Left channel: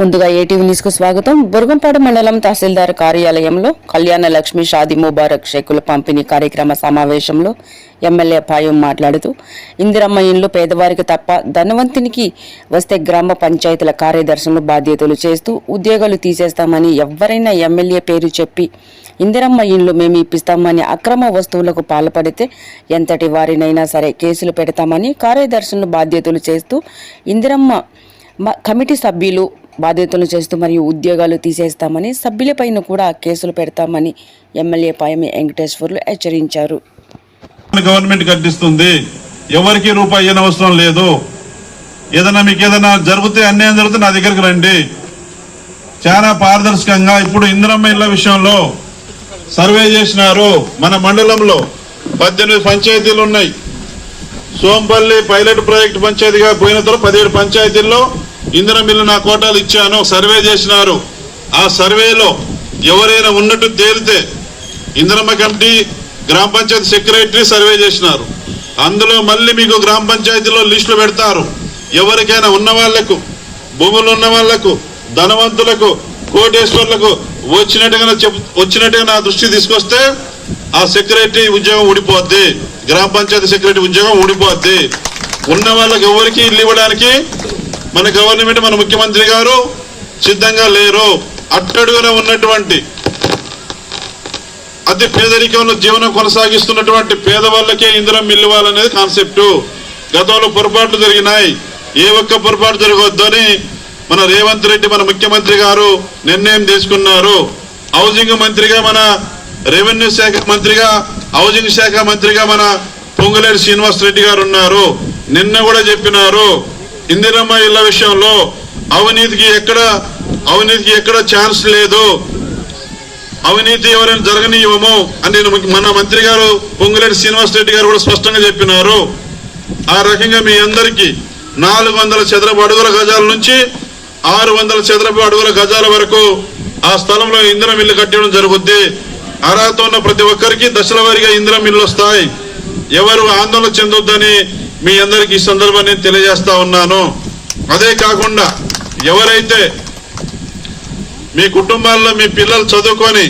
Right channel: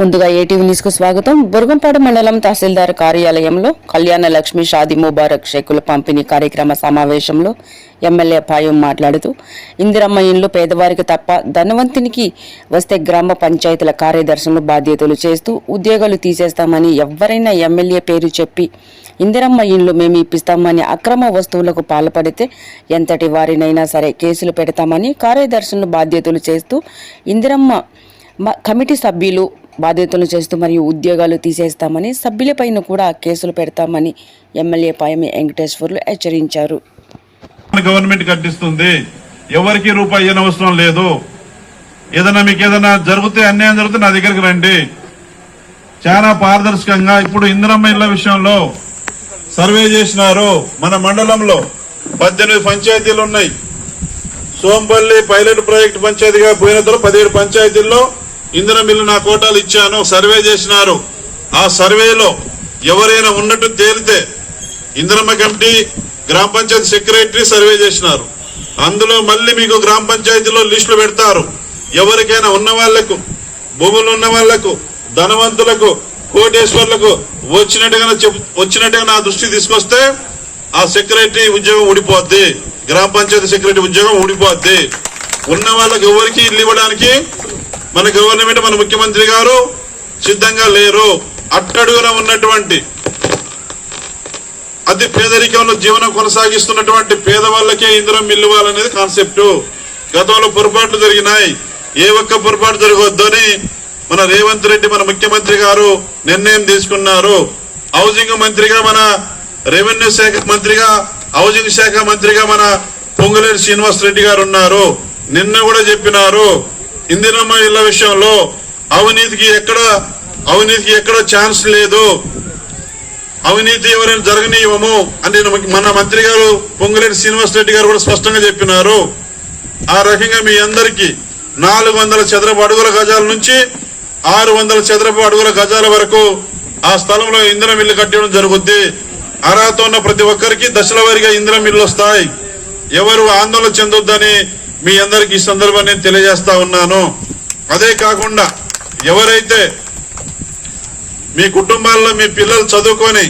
ముందుగా ATV news కు స్వాగతం. బుర్గంపాడు మండలం తహసీల్దార్ కార్యాలయంలో కళ్యాణ లక్ష్మి షాదీ ముబారక్ షేకుల పంపిణీ కార్యక్రమ సమావేశంలో ఎమ్మెల్యే పాయం మాట్లాడుతూ ఇందిరమ్మ ఇండ్లు పేదవారికి తప్ప ధనవంతునికి వస్తే గ్రామ పంచాయతీల కార్యదర్శులు బాధ్యతలు చేస్తూ ఉద్యోగాలు తీసేస్తామని ఎవరైనా ఎమ్మెల్యే పేరు చెప్పి ఇందిరమ్మ ఇండ్లు మేము ఇప్పిస్తామని అక్రమ వస్తువులకు పాల్పడితే ఎంతటి వారినైనా సరే కేసులు పెడతామని కార్యదర్శులు బాధ్యతలు చేస్తూ ఇందిరమ్మ కమిటీ సభ్యులు బాధ్యతలు చేస్తూ మరియు ఉద్యోగాలు తీసేస్తామని సభ్యులపైన కూడా కేసులు పెడతామని ఎమ్మెల్యే పాయమి వెంకటేశ్వర్లు హెచ్చరించారు. గవర్నమెంట్ కట్టిస్తుంది, ఎవరికి రూపాయి అయిన అవసరం లేదు. ఏదైనా మీకు ఏదైనా జరిగితే అన్యాయం జరిగితే నా దగ్గరికి రండి. చాలా పారదర్శకంగా ఇప్పుడు ఇందిరమ్మ ఇళ్ల విషయంలో సర్వే చేసినారు. మన మండలంలో 18 పంచాయతీలు ఉన్నాయి. సోంపల్లి పైలట్ ప్రాజెక్ట్ పంచాయతీగా పోయిన తర్వాత 17 పంచాయతీల్లో ఇందిరమ్మ ఇల్లు నా కోటాలు ఇచ్చాను. సర్వే చేసినారు. ఆ సర్వేలో ఎవరైనా ఉన్నట్టు తేలితే ఇందిరమ్మ కమిటీ గ్రామ పంచాయతీ సెక్రటరీ సర్వే చేసినారు. అందులో మళ్ళీ మీకు గ్రామ పంచాయతీలో లిస్టులు పెడతారు. ఎవరికైనా ఉన్న భూములు ఉన్న వాళ్లకు, ధనవంతులకు, కోటేశ్వర్లకు వచ్చినట్టుగా నా దృష్టి తీసుకొస్తే ఆ సెక్రటరీ ఉద్యోగం ఊడిపోద్ది, గ్రామ పంచాయతీ సెక్రటరీ ఉద్యోగం ఊడిపోద్ది. ఉన్న వాళ్ళకి ఎవరికి ఇల్లు ఇవ్వడానికి మన గవర్నమెంట్, మన ముఖ్యమంత్రి గారు సిద్ధంగా లేరు. అట్టడుగున ఉన్నటువంటి అతి పేదరికంలో జీవనం కొనసాగిస్తున్నటువంటి పేదవాళ్ళకే ఇందిరమ్మ ఇల్లు ఇవ్వాలనేది కాన్సెప్ట్. గతంలో పొరపాట్లు జరిగినాయి, ఏ ఒక్క పొరపాటు జరగొద్దని మన రేవంత్ రెడ్డి మన ముఖ్యమంత్రి గారు నిర్ణయం తీసుకున్నారు. హౌసింగ్ మంత్రిగా మన రెవెన్యూ శాఖ మంత్రిగా, హౌసింగ్ శాఖ మంత్రిగా మన పొంగులేటి శ్రీనివాస్ రెడ్డి గారు ఉన్నారు. నిన్న కూడా చెప్పినారు, ఇందిరమ్మ ఇళ్ల విషయంలో అవినీతికి ఎక్కడ ఛాన్స్ లేదు, అవినీతి ఎవరైనా జరగనివ్వము అని మన మంత్రి గారు పొంగులేటి శ్రీనివాస్ రెడ్డి గారు కూడా స్పష్టంగా చెప్పినారు. ఆ రకంగా మీ అందరికీ 400 చదరపు అడుగుల గజాల నుంచి 600 చదరపు అడుగుల గజాల వరకు ఆ స్థలంలో ఇందిరమ్మ ఇల్లు కట్టడం జరుగుద్ది. అర్హత ఉన్న ప్రతి ఒక్కరికి దశల వారీగా ఇందిరమ్మ ఇల్లు వస్తాయి. ఎవరు ఆందోళన చెందొద్దని మీ అందరికి ఈ సందర్భాన్ని తెలియజేస్తా ఉన్నాను. అదే కాకుండా ఎవరైతే మీ కుటుంబాల్లో మీ పిల్లలు చదువుకొని